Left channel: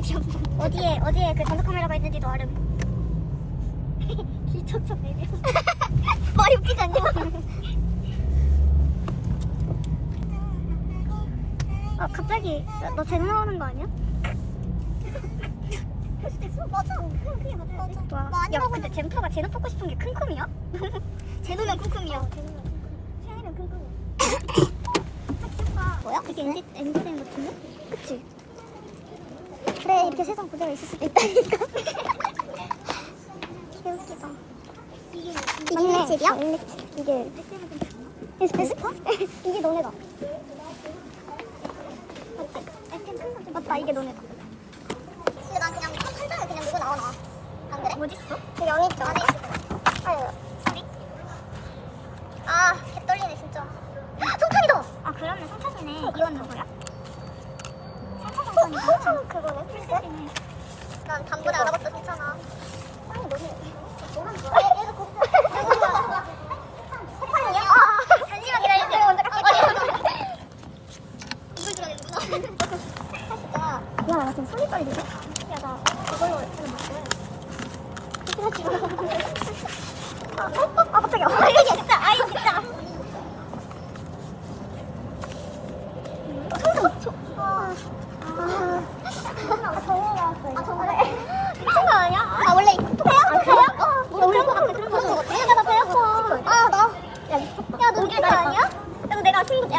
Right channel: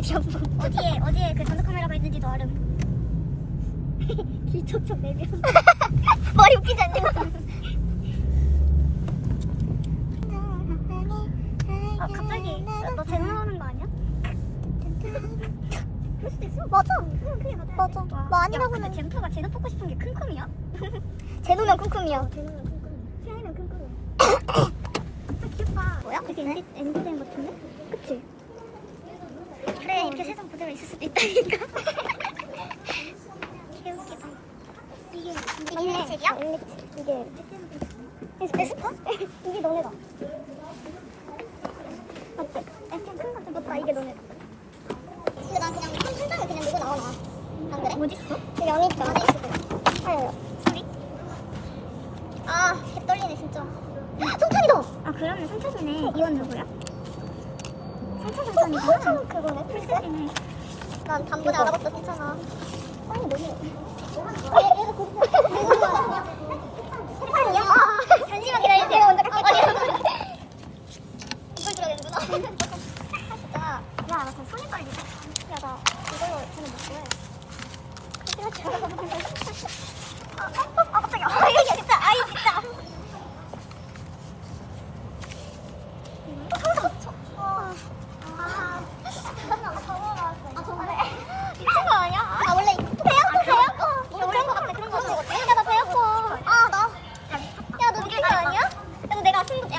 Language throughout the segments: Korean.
맵이. 어디에 어디에 그 단속 카메라가 있는지도 알음. 길척척 맵이. 머리 웃기지 않냐? 아 갑자기 너젠 나오는 거 아니야? 그럴 수도 있어. 맞아. 그냥 그게 맞아. 맞아. 뭐 아니라고 근데 젠프가 제노 뽑고 싶은 게 킁쿰이야? 제노면 킁쿰이야. 제노면 킁쿰. 세아이면 킁쿰. 아 귀엽다. 뭐야? 이게 NC, NCM 같은데? 그치? 그래 이렇게 세상 그대로 있을 수도 있다니까. 개웃기다. 이게? 일렉집. 이게 이게 베스파? 이게 너네다. 맞지? 맞다 이게 너네다. 근데 나 그냥 한 장을 그냥 보고 나오네. 안 그래? 어딨어? 여기 있죠. 안에 있어. 아유. 소리? 아, 개 떨리네 진짜. 성찬이다. 아 그러네 성찬이네. 이건 누구야? 아, 갑자기. 아, 이거 진짜. 아, 이거 진짜. 어, 소름. 아, 아, 정말. 미친 거 아니야? 아, 원래 이거 토해요? 아, 그래요? 어, 이거 원래 소름이 그런 거죠. 내가 배 아파. 아, 나. 야, 미쳤다. 야, 너 그게 아니야? 그래서 내가 술, 야,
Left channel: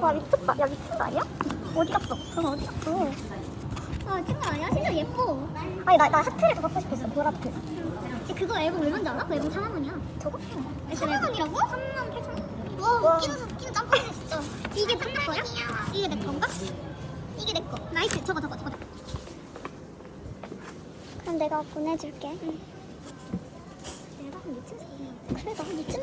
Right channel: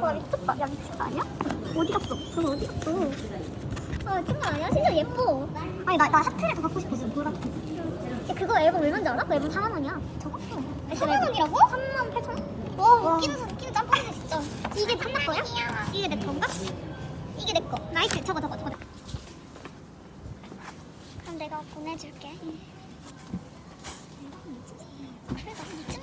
와 미쳤다. 야 미친 거 아니야? 어디 갔어? 저거 어디 갔어? 아 미친 거 아니야? 진짜 예뻐. 아니 나, 나 하트를 더 갖고 싶었어. 보라트. 야, 그거 앨범 얼마인지 알아? 그 앨범 4만 원이야. 저거? 3만 원이라고? 3만 8천 원? 와 웃기는 웃기는 짬뽕이네 진짜. 이게 짬뽕 거야? 이게 내 건가? 이게 내 거. 나이스 저거 저거 저거. 그럼 내가 보내줄게. 응. 그래 나 미친.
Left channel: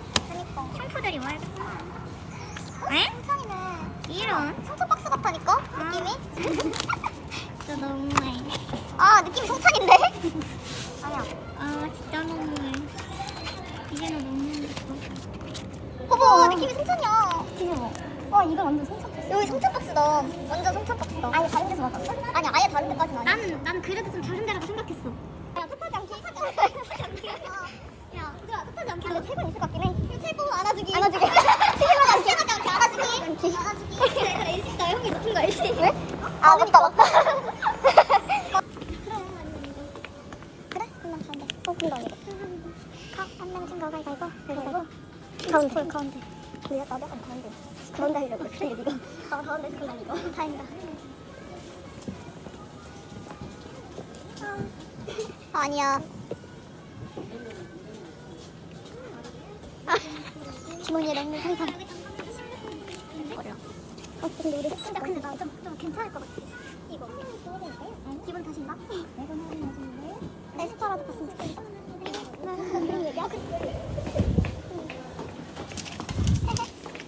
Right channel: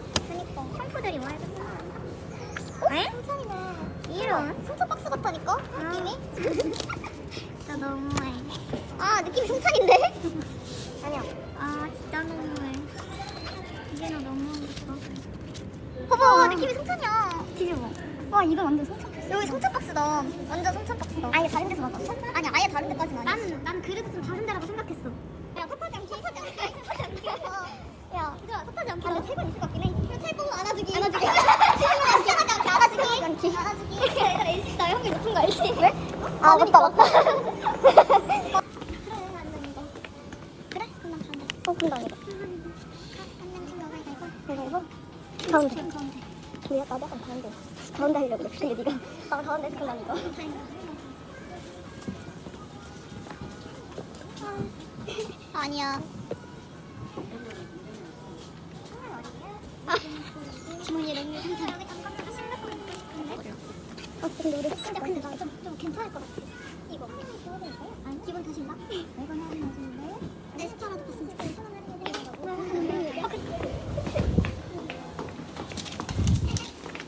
샴푸들이 와 알겠구나. 에? 이런. 승찬 박스 같다니까? 느낌이? 진짜 너무해. 아 느낌 성찬인데? 아니야. 아 진짜 너무해. 이게 나 너무하겠어. 어머 느낌이 성찬이야. 뒤집어. 와 이건 완전 성찬. 여기 성찬 박스다. 완전 성찬 박스다. 아니 다른 데서 맞았어? 아니 아예 다른 데까지 나. 나는 난 그래도 좀 다른 데라고 생각했어. 야 탓하지 않기 탓하지 않기 탓하지 않기. 야 그거 탓하지 않기. 근데 최고 있을 것 같긴 해. 그럼 최고 안아주기. 안아주기. 최고 안아주기. 안아주기. 안아주기. 안아주기. 높은 거 알지? 왜? 아 맞다 맞다. 그래? 나 간다. 높은 거 아니야? 한 명씩 너가 이거 이거. 그리고 가운데. 가운데. 왜 어디 간 가운데? 그런데 하려고 그래 네가. 어 가운데서 그냥 이거. 다행이다. 아, 아니야. 지문이 너무 상상. 어, 근데 우리 근데 근데 나 좀 좀 괜찮을 것 같아. 이거. 아니 기분 탓인가? 내 스타라도 봤으면 좋겠어.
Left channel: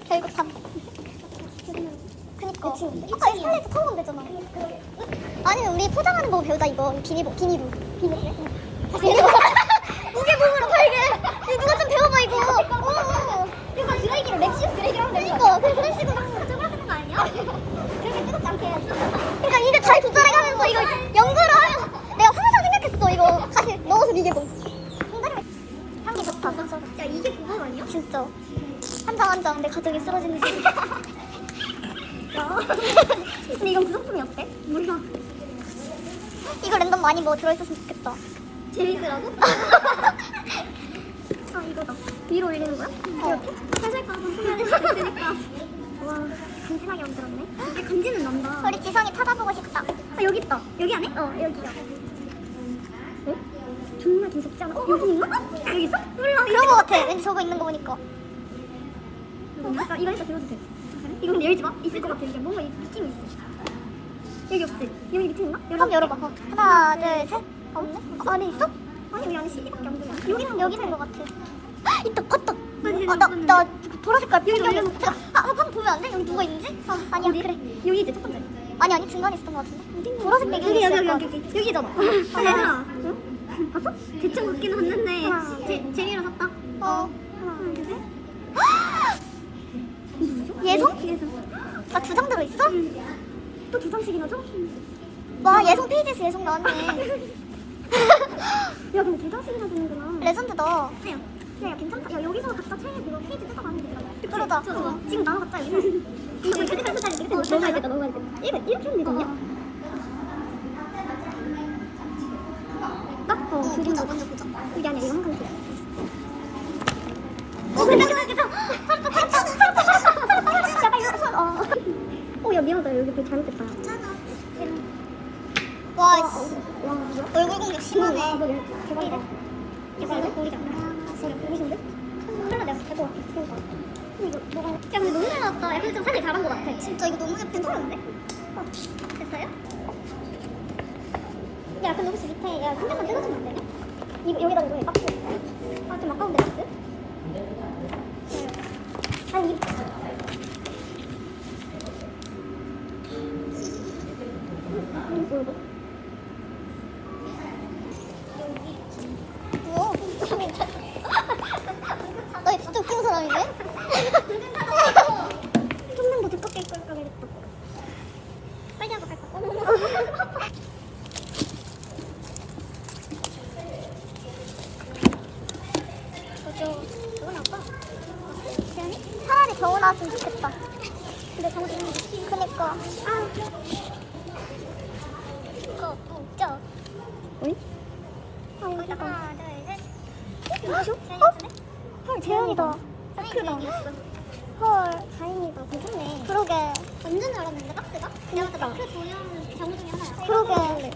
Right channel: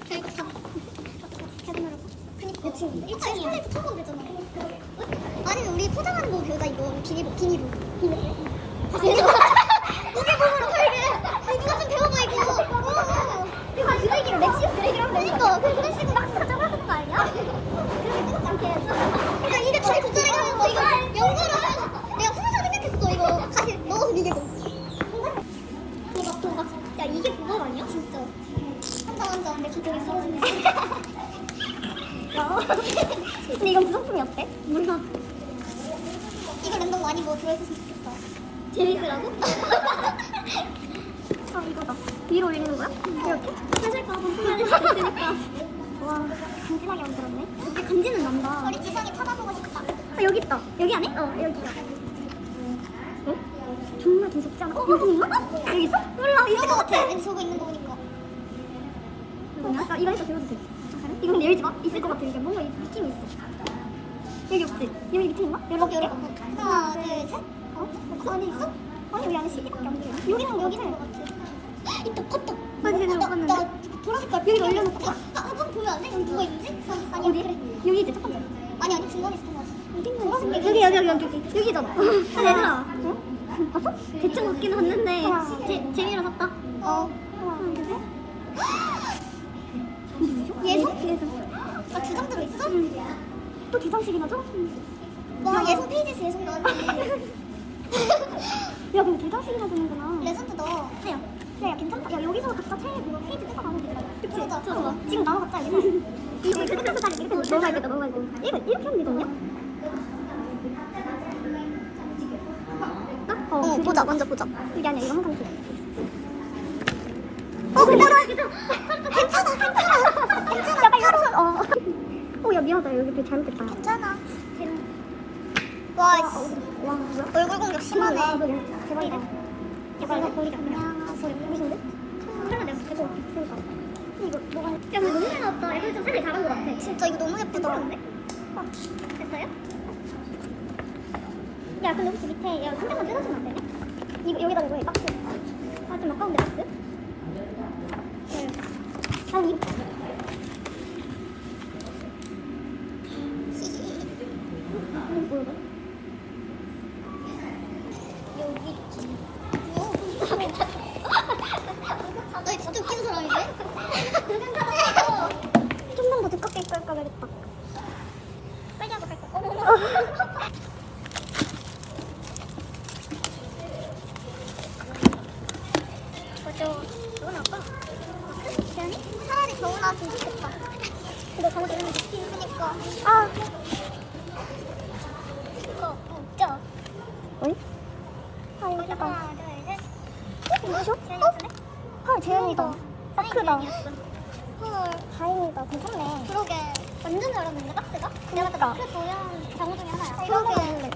결국 사. 그니까. 아까 인터넷 처음 건데잖아. 아니 우리 포장하는 법 배우자 이거. 다시 해줘. 이게 몸으로 팔게. 누가 좀 배워봐 이거. 어. 이거 드레이기로 렉시스 드레이기로 하면 되니까. 그래 그런 식으로 막 그렇게 뜨겁지 않게. 그러니까 이게 잘 조절해가는 거 이거 연구를 하면 내가 항상 생각했어 이거 다시 넣어서. 향이 좋다. 야 이게 보복 아니야? 진짜. 한장 한 장 내 가족이 쓰러지는 시 귀엽다. 근데 이건 구성품이 어때? 몰라. 이거 랜덤 많이 뭐 들어있었으면 좋겠다. 재밌으라고? 아 이거다. 위로 올리는 거야? 이렇게? 살살까 있으니까. 와 간지나게 만들었네. 이게 간지는 난다. 우리 지성이 찾아보고 싶다. 아 여기 있다. 여기 안에? 어 여기야. 어? 정말 무섭지 않아? 어, 여기 있나? 여기 있어? 몰라. 이런 거 같아. 왠지 저거 있는 거 보니까. 어, 나 이거 해서 들어도 돼. 근데 열지 마. 있을 것 같아. 이게 뭔가 이 느낌이 있어. 여기 없지? 여기 밑에 있나? 열어, 열어 봐. 하나, 둘, 셋. 어? 안에 있어? 아니, 왜 안에 CD밖에 안 들어? 여기는 여기 있는 것 같아. 있다, 봤다. 어, 나, 나 보라색 깔 여기 올려놓고. 아, 한번 보면 안 돼? 여기 누가 있는지? 아, 아니야, 그래. 여기 이제 첫 번째. 아니, 아니, 중간에 있었던 것 같은데. 보라색 여기, 여기, 여기, 여기, 여기. 여기잖아. 아, 얘들아. 응? 봤어? 대충 같긴 했는데 제, 재미로 샀다. 어. 하나, 둘, 셋. 예성? 예성. 아, 두 장 들어있어? 또두 장씩이나 줘? 와, 예성 페이지에서 예성 나왔네. 야, 근데 두 장씩이나 주는구나. 레전드다. 야, 야, 괜찮다. 야, 여기서 각자 차에 그거 페이지 뜯어가는 게 그치? 맞아. 어, 지금 나눠 갖자, 이거. 이거 한 살이 이렇게 많이 됐다. 이거, 이렇게 하면 되거든요? 나? 어, 어 보자, 먼저 보자. 이게 아니야, 이거 항상 돼. 어, 괜찮아, 괜찮아. 괜찮아, 괜찮아. 괜찮아, 괜찮아. 어. 어, 야, 미안하다. 여기 되게 잘못됐다. 괜찮아. 와, 씨. 얼굴 공격 심하네. 이거 보이지 소리 무슨데? 설마 내가 대고 왔겠어. 이거 너무. 야, 근데 너무 잘 나왔다. 야, 근데 좀 살짝 잘한 것 같아. 진짜 이거 너무 예쁘다. 괜찮은데? 어, 됐어요? 야, 근데 혹시 밑에 야, 한 장만 뜯어주면 안 되냐? 이, 여기다 이거 이 박스. 아, 좀 아까운데 박스? 한 입. 뭐 나 진짜 웃긴 사람이야? 좀만 더 두껍게 입고 할까 그랬다. 빨리 하고 갈까? 차라리 겨우 나왔으면 좋겠다. 근데 저기 있는 게 그니까. 아. 이거 웃겨. 어이? 아, 여기다. 어? 누구셔? 어? 헐, 재현이다. 아, 크다. 헐, 다행이다. 괜찮네. 그러게. 완전 잘했는데, 박스가? 내가 봤을 때 도형 경우 중에 하나야. 그러게.